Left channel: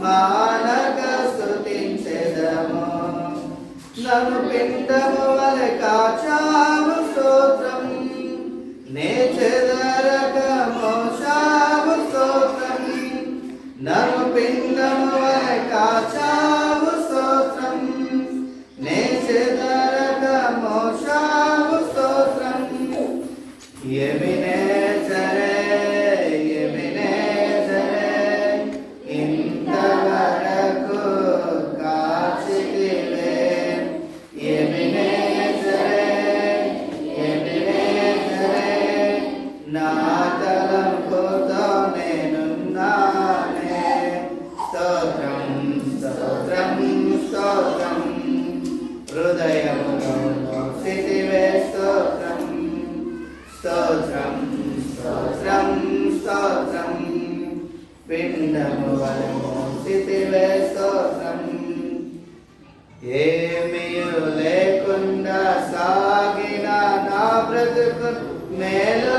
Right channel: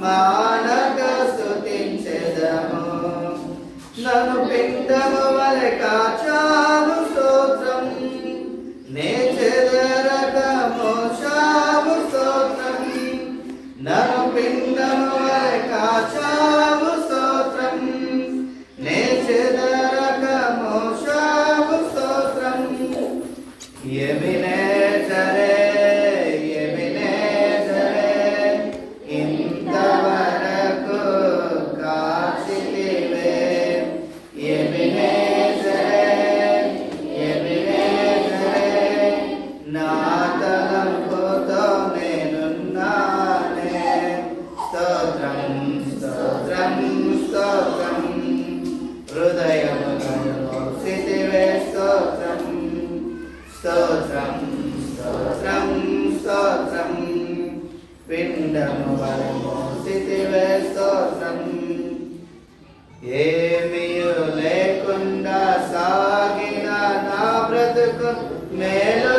మానక స్థుతించెదము నన్ను పిండము వలె కాచాము స్తోత్రం. నే చెదరక మోసాము స్తోత్రం. నన్ను పిండము వలె కాచాము స్తోత్రం. నే చెదరక స్తోత్రం. ఏమి Mel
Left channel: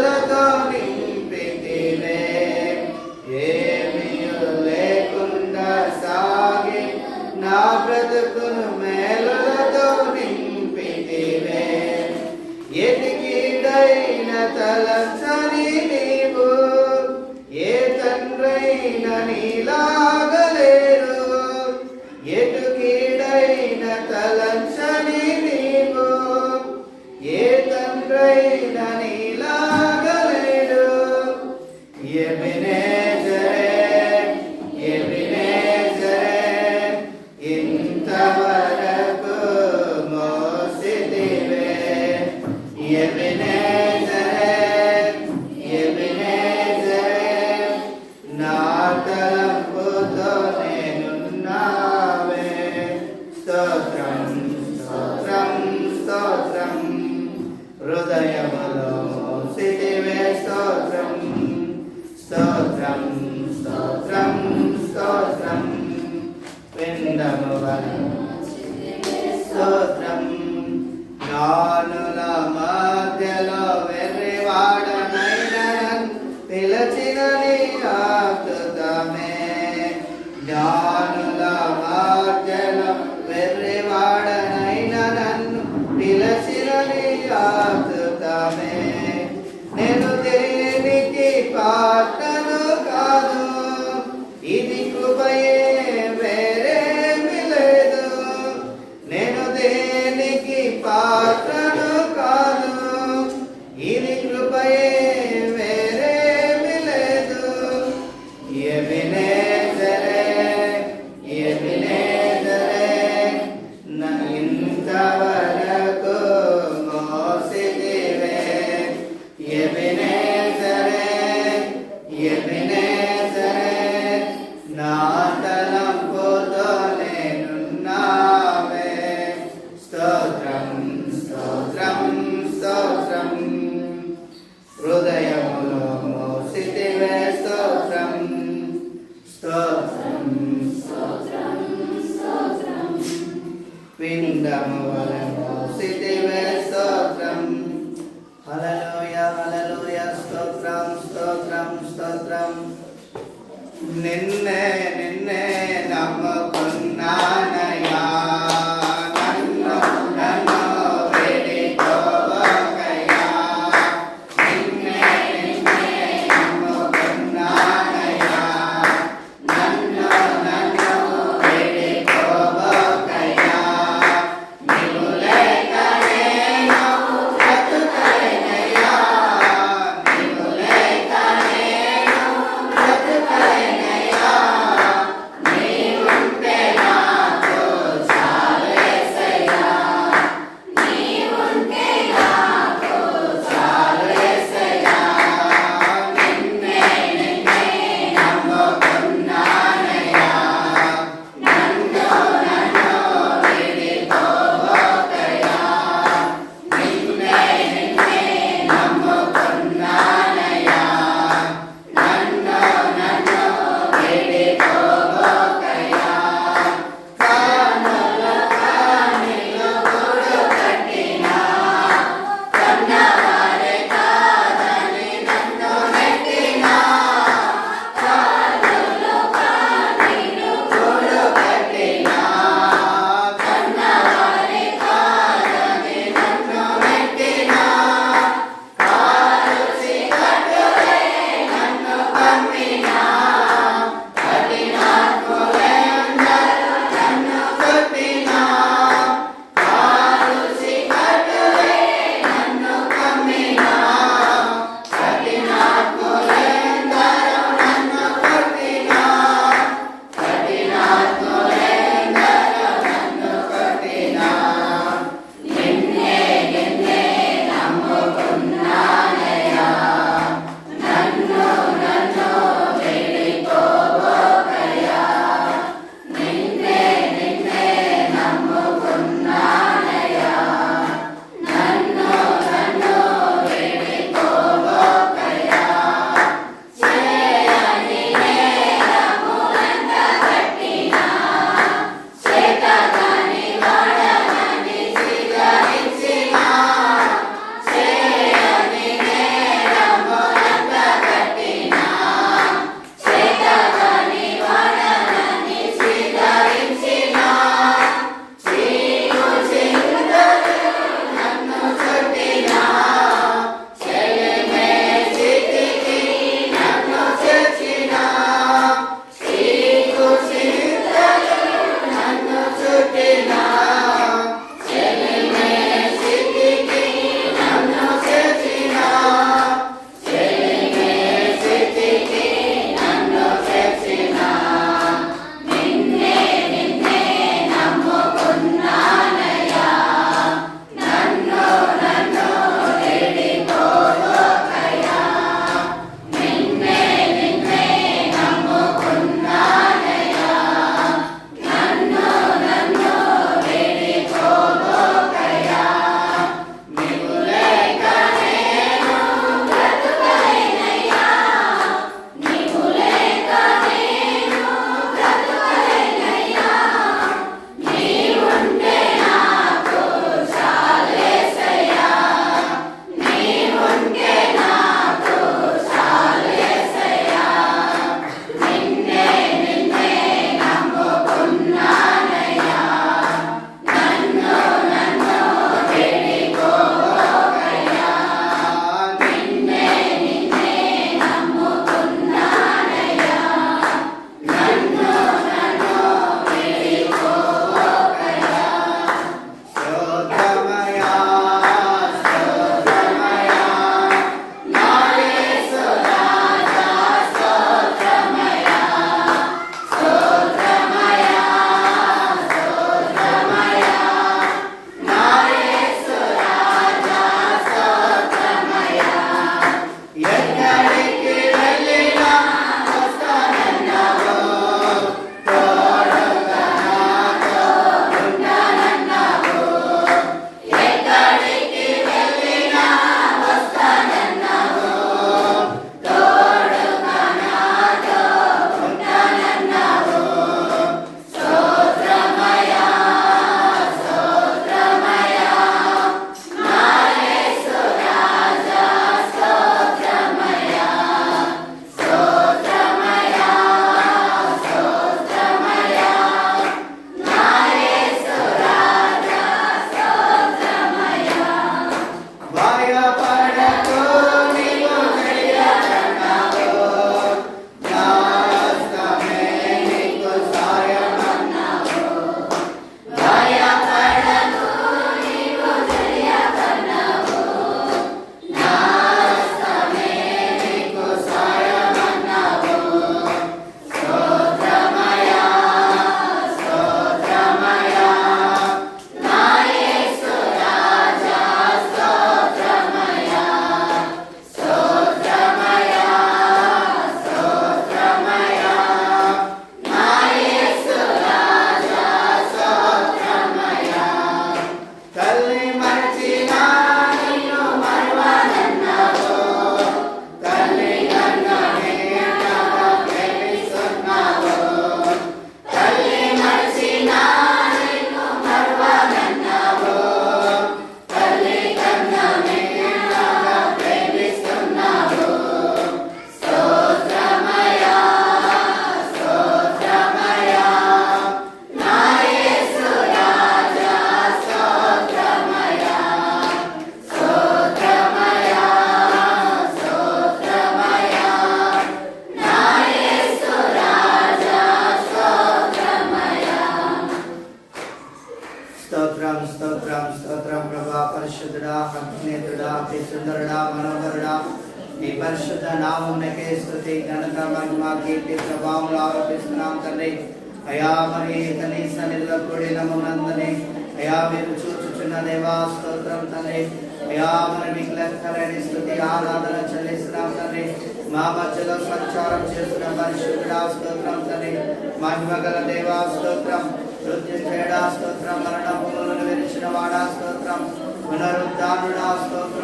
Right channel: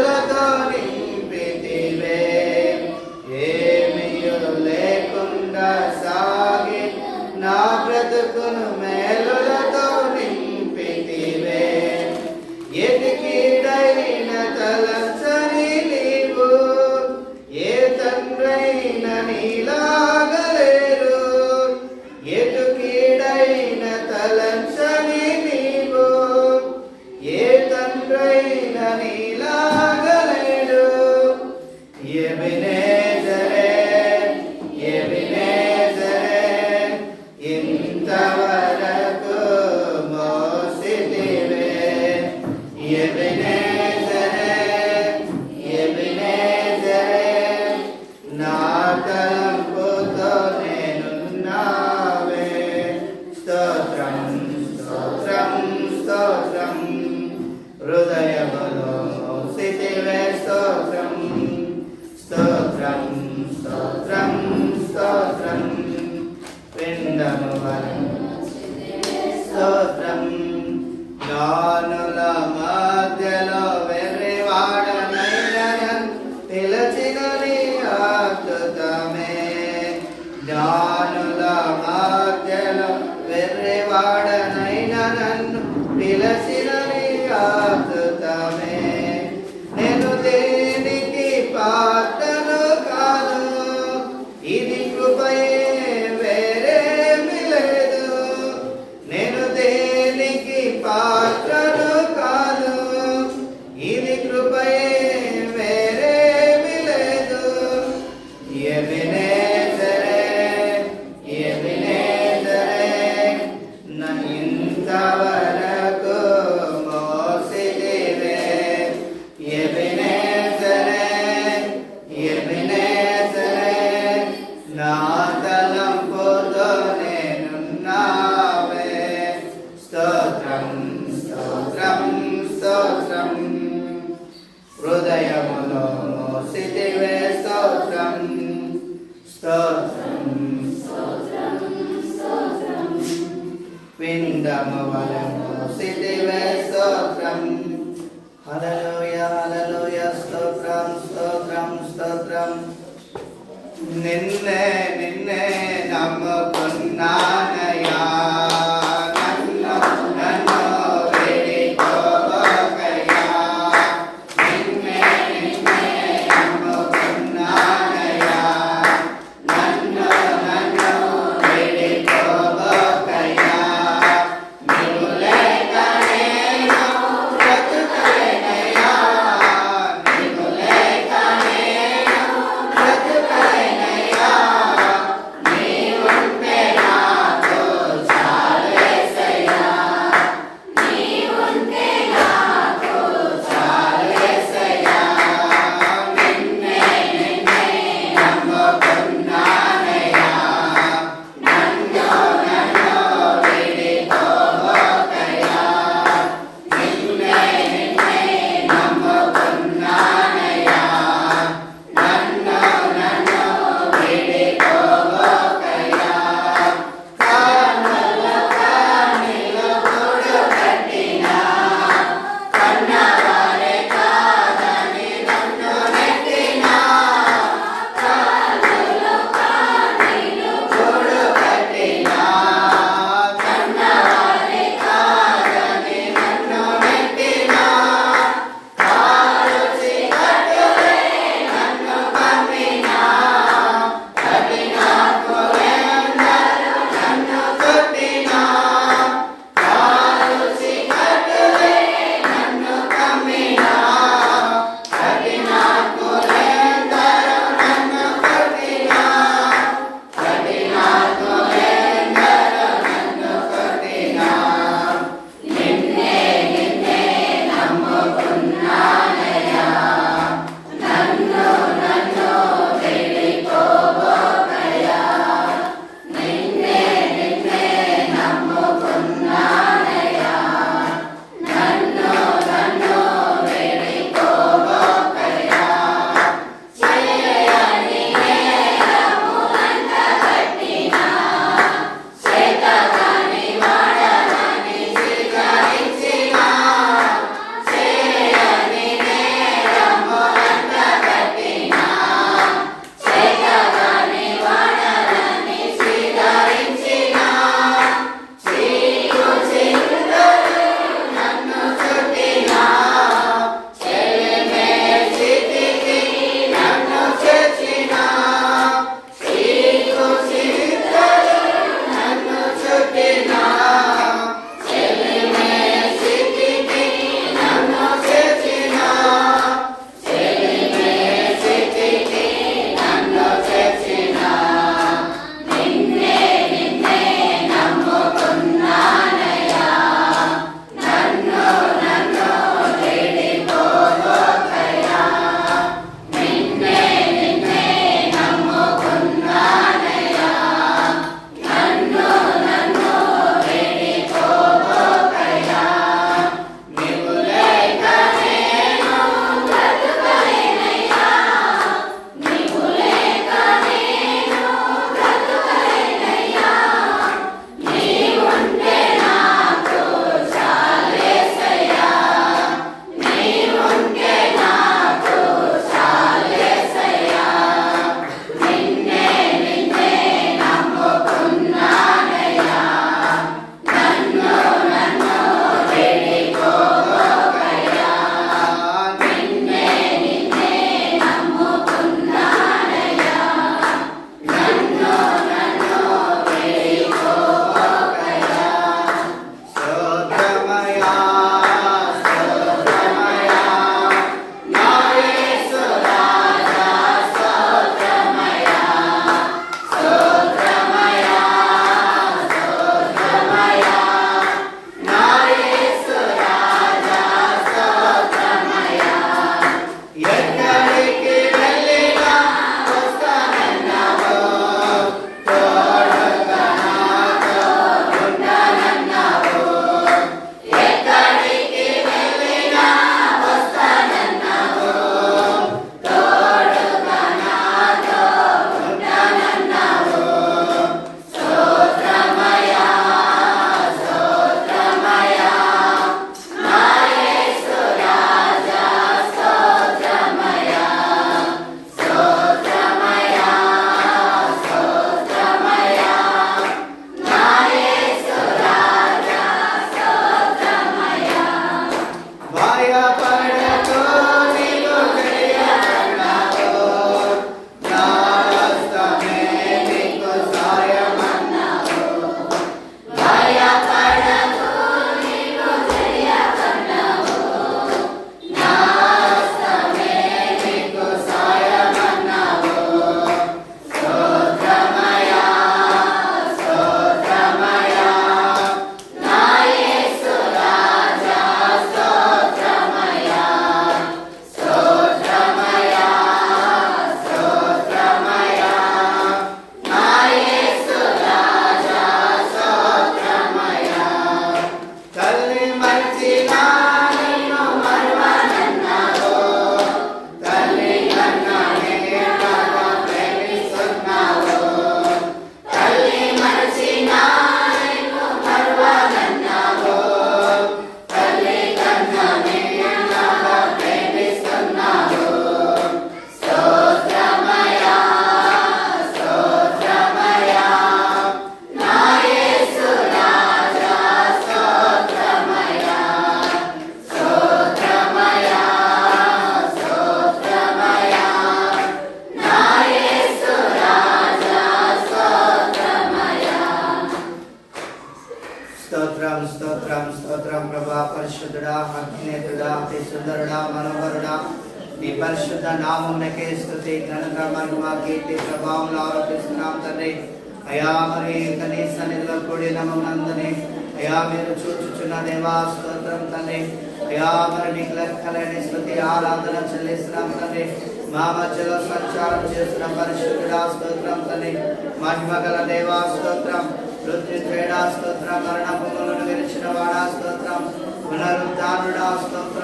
Amen. es. Then. సుందరుడా మనోహరుడా నీ పరిశుద్ధ నామమునకే స్థుతి ఘనత మహిమ కీర్తి ప్రభావం ఆరోపిస్తున్నాం తండ్రి. అయా మరి కనీస నిధుల కూడిన మమ్మల్ని అయా మీరు చూచుచున్న దేవా స్తోత్రం తండ్రి. అయా మరి మీకు లెక్కలేని స్థుతి ఆరాధన చెల్లిస్తున్నాం తండ్రి. మా మధ్యలో సంచారం చేస్తున్న పరిశుద్ధుడా స్తోత్రం తండ్రి. మహిమ గల దేవా స్తోత్రం మృత్యుంజయుడా స్తోత్రం మరణ భూములను విరిచిన వాడా స్తోత్రం పునరుద్ధానుడా స్తోత్రం.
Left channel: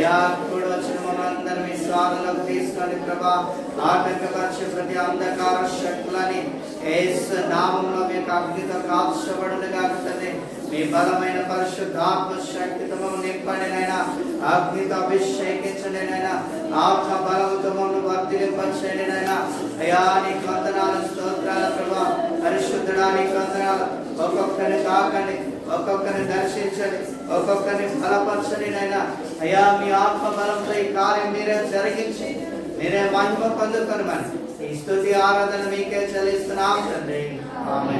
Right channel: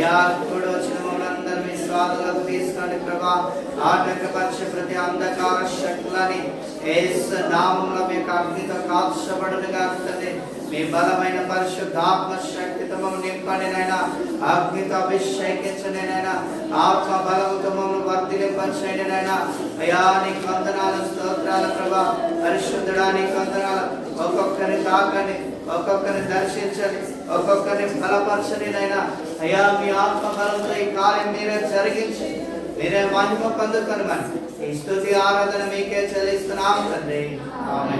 తండ్రి అయా వచ్చిన మమ్మల్ని మీ స్వాదులకు తీసుకొని ప్రభా ఆటంకపరిచే ప్రతి అంధకార శక్తులని ఏసు నామంలో మీకు అగ్నితో కాల్చబడును తండ్రి. మీ బలమైన పరిశుద్ధాత్మ శక్తితో నింపండి నైనా అగ్నితో అభిషేకించండి నైనా ఆత్మ బలముతో మమ్మల్ని వర్ధిలింపచేయండి నైనా అయా నీకు వందనాలు స్తోత్రాల ప్రభా. పరిశుద్ధుడా నీకు వందనాలు. ఒక్కొక్కరిని కాకండి. ఒక్కొక్కరిని దర్శించండి ఒక్కొక్కరిని బలపరచని నైనా అయ్యా మీ ఆత్మ బలంతో ఈ కార్యం మీరే జరిగించి మీరే మహిమ పొందుకొని మరి ఈ స్థుతి ఆరాధన మీకే చెల్లిస్తున్నాం తండ్రి. ఆమె